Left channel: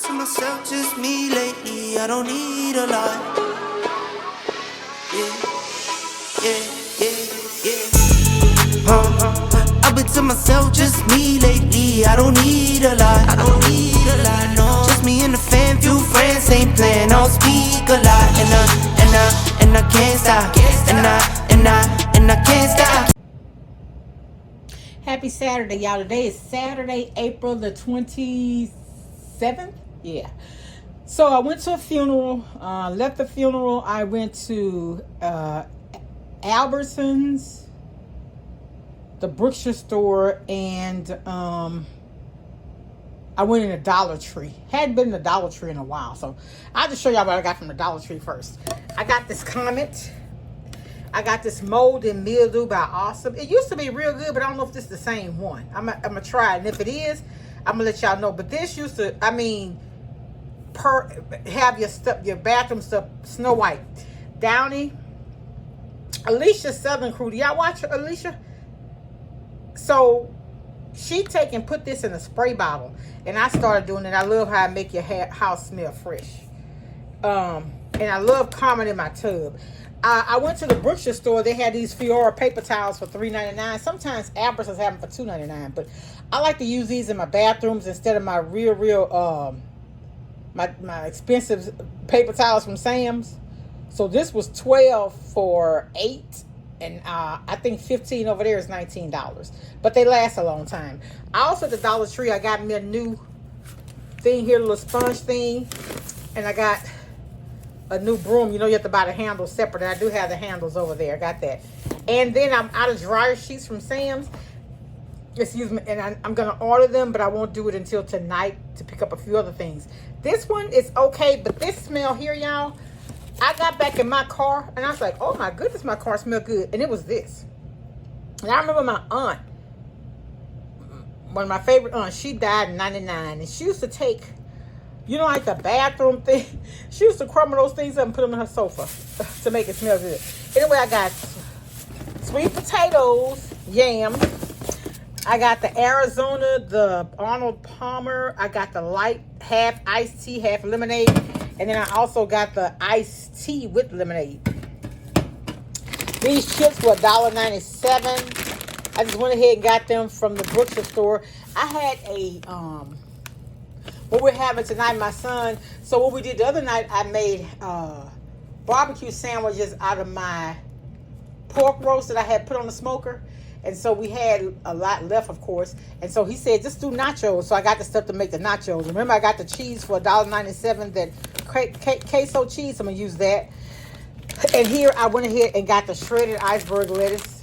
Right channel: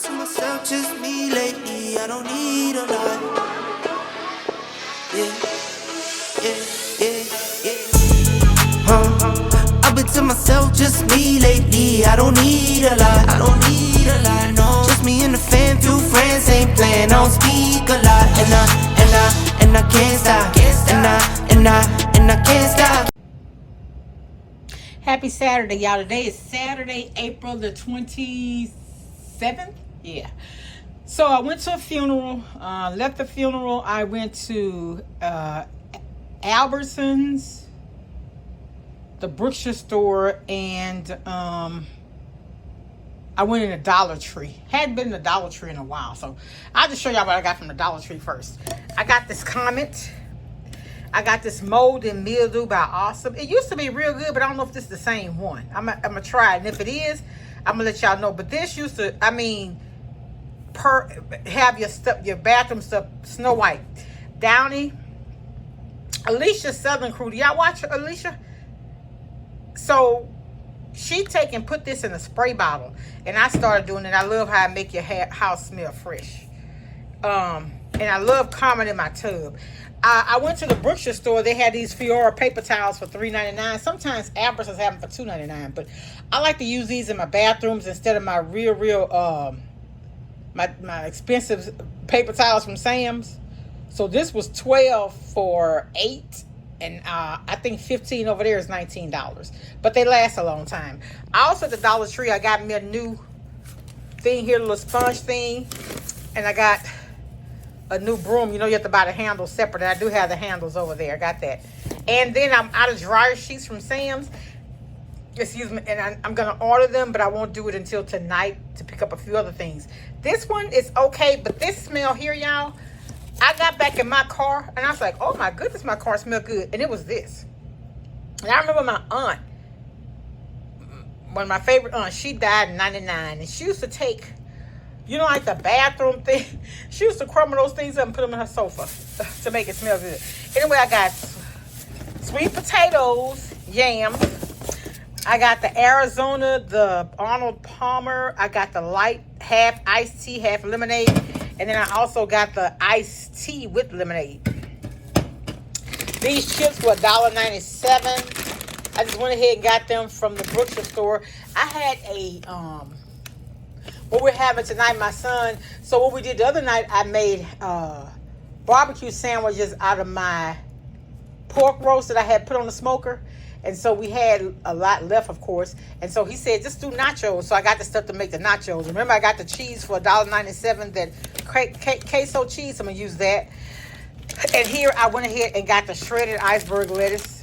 To myself, just me lately, I don't need a lot. Yeah, yeah, yeah, yeah. I've been to myself, just me lately, I don't need a lot. I don't need a lot, no. Just me and the fam, few friends ain't playing, I don't speak a lot. And I can't stop. And I can't stop. Happy Saturday, y'all. Today is Saturday, April the 27th. Yeah. So I went to a funeral. Left the funeral. I went to Albertsons, the Brookshire store, and I went in a Dollar Tree. Hadn't been in a Dollar Tree in a while, so I'll just show y'all what I got from the Dollar Tree first. I got this Comet. I got this Mold and Mildew by Awesome. It used to be real good, but I don't know if this is the same one. I'm gonna try it, and if it is, I'm gonna let y'all know. But this used to, have your bathroom stuff Snow White, Downy, Alicia Southern Crew. Do y'all watch Alicia? So she put this in a spray bottle, and I started doing it. I love how I make your house smell fresh. And I love Comet in my tub. I went to the Brookshire store. They had these Fiora paper towels for $3.99. Sometimes Albertsons have them for $2.99. But I like to use these in my bathrooms instead of my my expensive paper towels from Sam's. So this was $12 for 8. And I think $15 over there is $19. But they last a long time. I also at the Dollar Tree, I got me a new thing here, a little sponge thing. And I got a new broom. You know, you have to buy the handles separate. And I do have the handles over there. I got that. And then I'm out of dryer sheets from Sam's. Excuse me. And I'm going to order them, but I won't do it until tonight to pick up a few other things. This one is okay, but this smell here, y'all, I got back in my car, and I was like, oh, my goodness, my car smells good. And it was this. And I remember my aunt, one of my favorite aunts, she died in 99, and she used to take, you know, like the bathroom thing. She used to crumble those things up and put them in her sofa to make it smell good. Anyway, I got sweet potatoes, yams. I got the Arizona, the Arnold Palmer. I got the light, half iced tea, half lemonade. And then I also got the iced tea with lemonade. These chips were $1.97. I just went ahead and got them from the Brookshire store. I had a what we're having tonight, my son. So what we did the other night, I made barbecue sandwiches out of my pork roast that I had put on the smoker. And so we had a lot left, of course. And so he said, just do nachos. So I got the stuff to make the nachos. Remember, I got the cheese for $1.97, that queso cheese. I'm going to use that. And here I went ahead and got the shredded iceberg lettuce.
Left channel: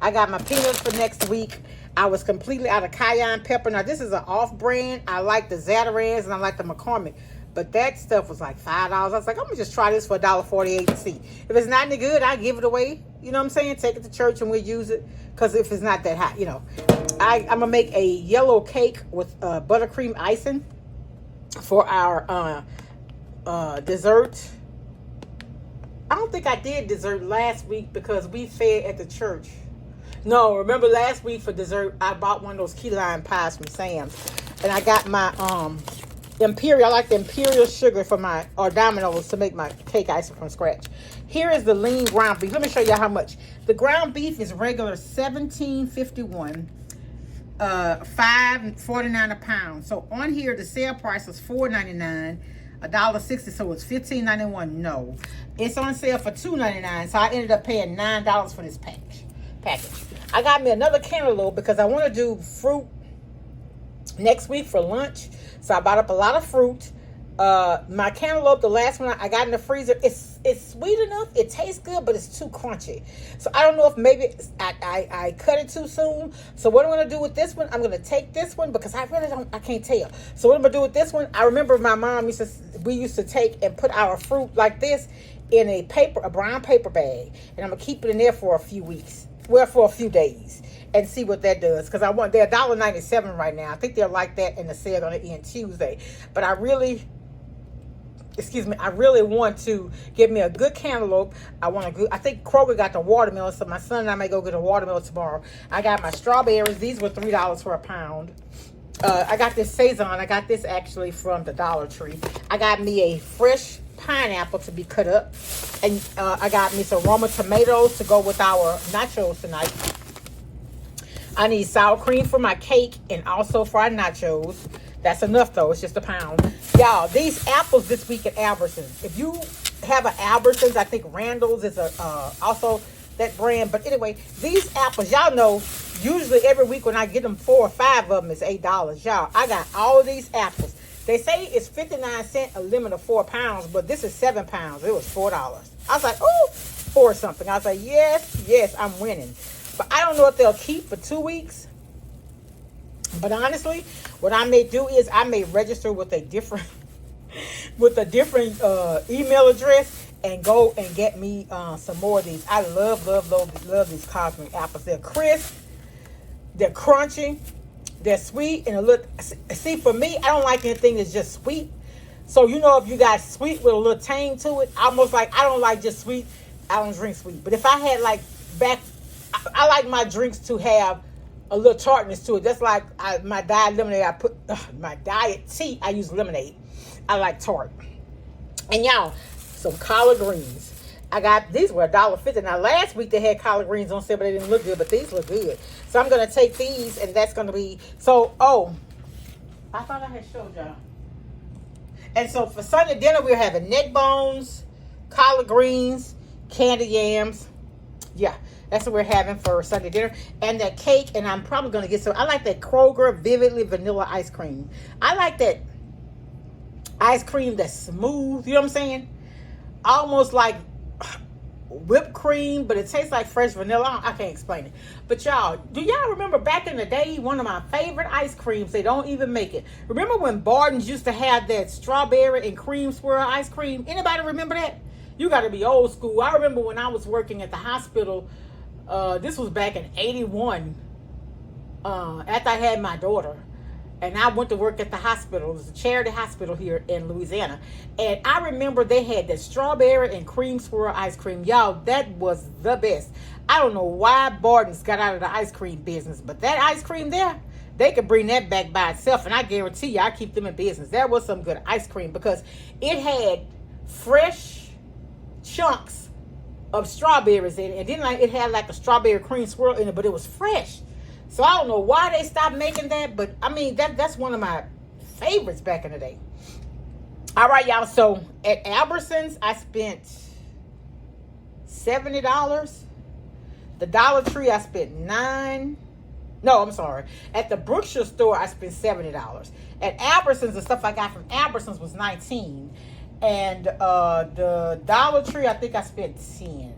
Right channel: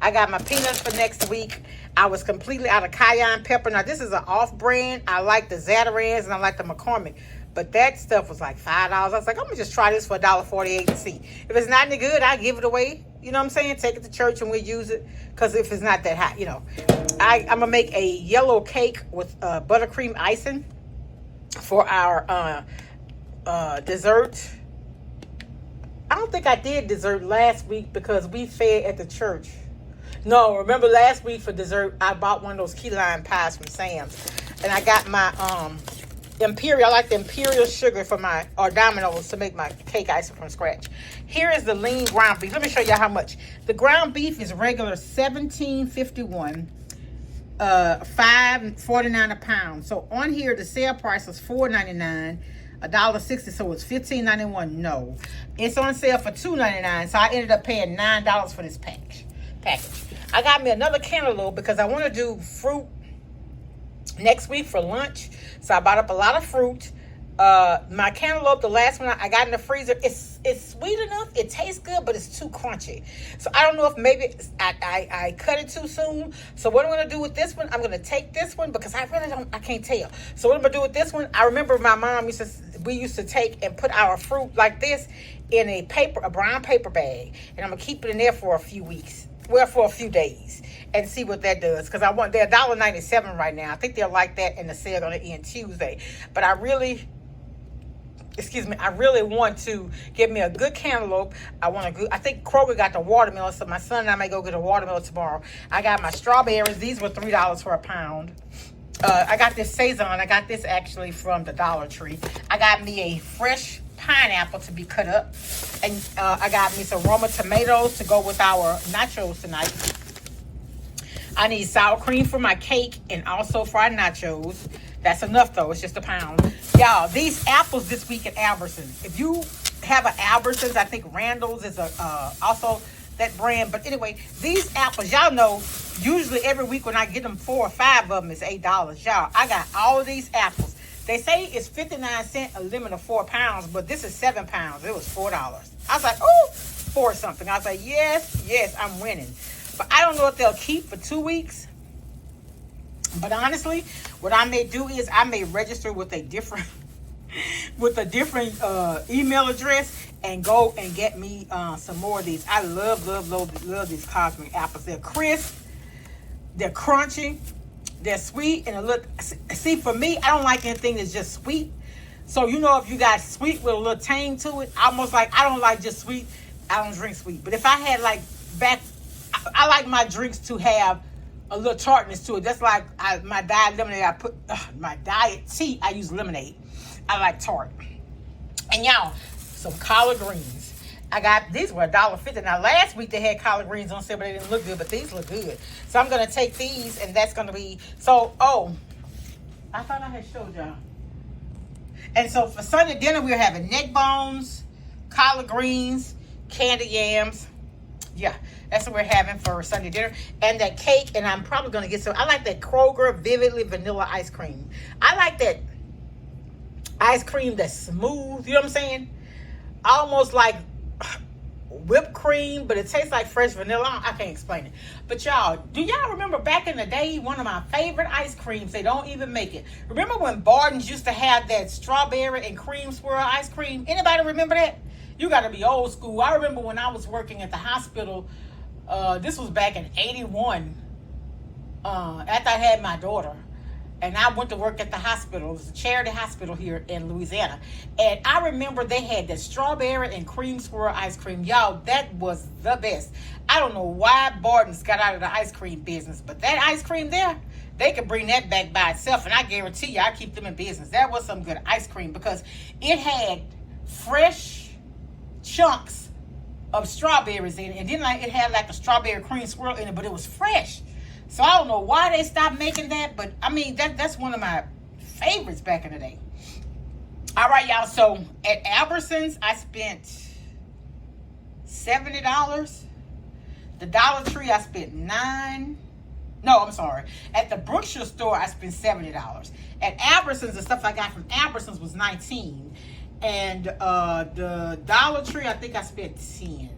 I got my peanuts for next week. I was completely out of cayenne pepper. Now, this is an off-brand. I like the Zatarans and I like the McCormick. But that stuff was like $5. I was like, I'm going to just try this for $1.48 and see. If it's not any good, I give it away. You know what I'm saying? Take it to church and we'll use it. Because if it's not that hot, you know. I'm going to make a yellow cake with buttercream icing for our dessert. I don't think I did dessert last week because we fed at the church. No, remember last week for dessert, I bought one of those key lime pies from Sam's. And I got my Imperial. I like the Imperial sugar for my, or Domino's to make my cake icing from scratch. Here is the lean ground beef. Let me show you how much. The ground beef is regular $17.51, $5.49 a pound. So on here, the sale price was $4.99, $1.60, so it's $15.91. No, it's on sale for $2.99. So I ended up paying $9 for this package. I got me another cantaloupe because I want to do fruit next week for lunch. So I bought up a lot of fruit. My cantaloupe, the last one I got in the freezer, it's sweet enough. It tastes good, but it's too crunchy. So I don't know if maybe I cut it too soon. So what I'm going to do with this one, I'm going to take this one because I can't tell. So what I'm going to do with this one, I remember my mom we used to take and put our fruit like this in a brown paper bag. And I'm going to keep it in there for a few weeks. Well, for a few days. And see what that does. Because they're $1.97 right now. I think they're like that in the sale going to end Tuesday. But I really want to get me a good cantaloupe. I think Kroger got the watermelon, so my son and I may go get a watermelon tomorrow. I got my strawberries. These were $3 for a pound. I got this Saison. I got this actually from the Dollar Tree. I got me a fresh pineapple to be cut up. And I got me some Roma tomatoes to go with our nachos tonight. I need sour cream for my cake and also for our nachos. That's enough though. It's just a pound. Y'all, these apples this week at Albertsons. If you have an Albertsons, I think Randall's is also that brand. But anyway, these apples, y'all know, usually every week when I get them 4 or 5 of them, it's $8. Y'all, I got all of these apples. They say it's 59 cents, a limit of 4 pounds, but this is 7 pounds. It was $4. I was like, oh, 4 something. I was like, yes, I'm winning. But I don't know if they'll keep for 2 weeks. But honestly, what I may do is I may register with a different email address and go and get me some more of these. I love these cosmic apples. They're crisp, they're crunchy, they're sweet, and see, for me, I don't like anything that's just sweet. So you know, if you got sweet with a little tang to it, almost like I don't like just sweet. I don't drink sweet. But if I had I like my drinks to have a little tartness to it. That's like my diet lemonade. My diet tea. I use lemonade. I like tart. And y'all, some collard greens. I got these were $1.50. Now last week they had collard greens on sale, but they didn't look good. But these look good. So I'm gonna take these, and that's gonna be so. Oh, I thought I had showed y'all. And so for Sunday dinner, we're having neck bones, collard greens, candy yams. Yeah, that's what we're having for Sunday dinner. And that cake, and I'm probably going to get some. I like that Kroger Vividly Vanilla Ice Cream. I like that ice cream that's smooth. You know what I'm saying? Almost like whipped cream, but it tastes like fresh vanilla. I can't explain it. But y'all, do y'all remember back in the day, one of my favorite ice creams, they don't even make it. Remember when Barton's used to have that strawberry and cream swirl ice cream? Anybody remember that? You got to be old school. I remember when I was working at the hospital, this was back in 81, after I had my daughter. And I went to work at the hospital. It was a charity hospital here in Louisiana. And I remember they had that strawberry and cream swirl ice cream. Y'all, that was the best. I don't know why Barton's got out of the ice cream business, but that ice cream there, they could bring that back by itself. And I guarantee you, I keep them in business. That was some good ice cream because it had fresh chunks of strawberries in it, and then it had like a strawberry cream swirl in it, but it was fresh. So I don't know why they stopped making that, but I mean that's one of my favorites back in the day. All right, y'all. So at Albertsons, I spent $70. The Dollar Tree, I spent $9. No, I'm sorry. At the Brookshire store, I spent $70. At Albertsons, the stuff I got from Albertsons was $19. And the Dollar Tree, I think I spent $10.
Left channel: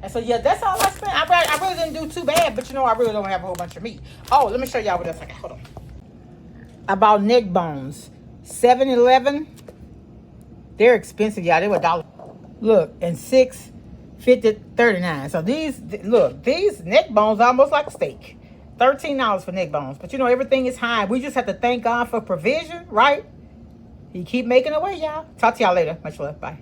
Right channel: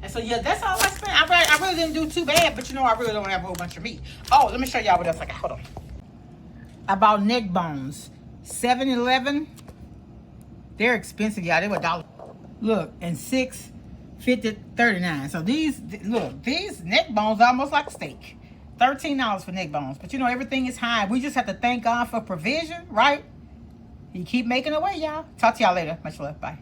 And so, yeah, that's all I spent. I really didn't do too bad, but you know, I really don't have a whole bunch of meat. Oh, let me show y'all what else I got. Hold on. I bought neck bones. 7-Eleven. They're expensive, y'all. They were $1. Look, and $6.50, $39. So these neck bones are almost like a steak. $13 for neck bones. But you know, everything is high. We just have to thank God for provision, right? He keep making a way, y'all. Talk to y'all later. Much love. Bye.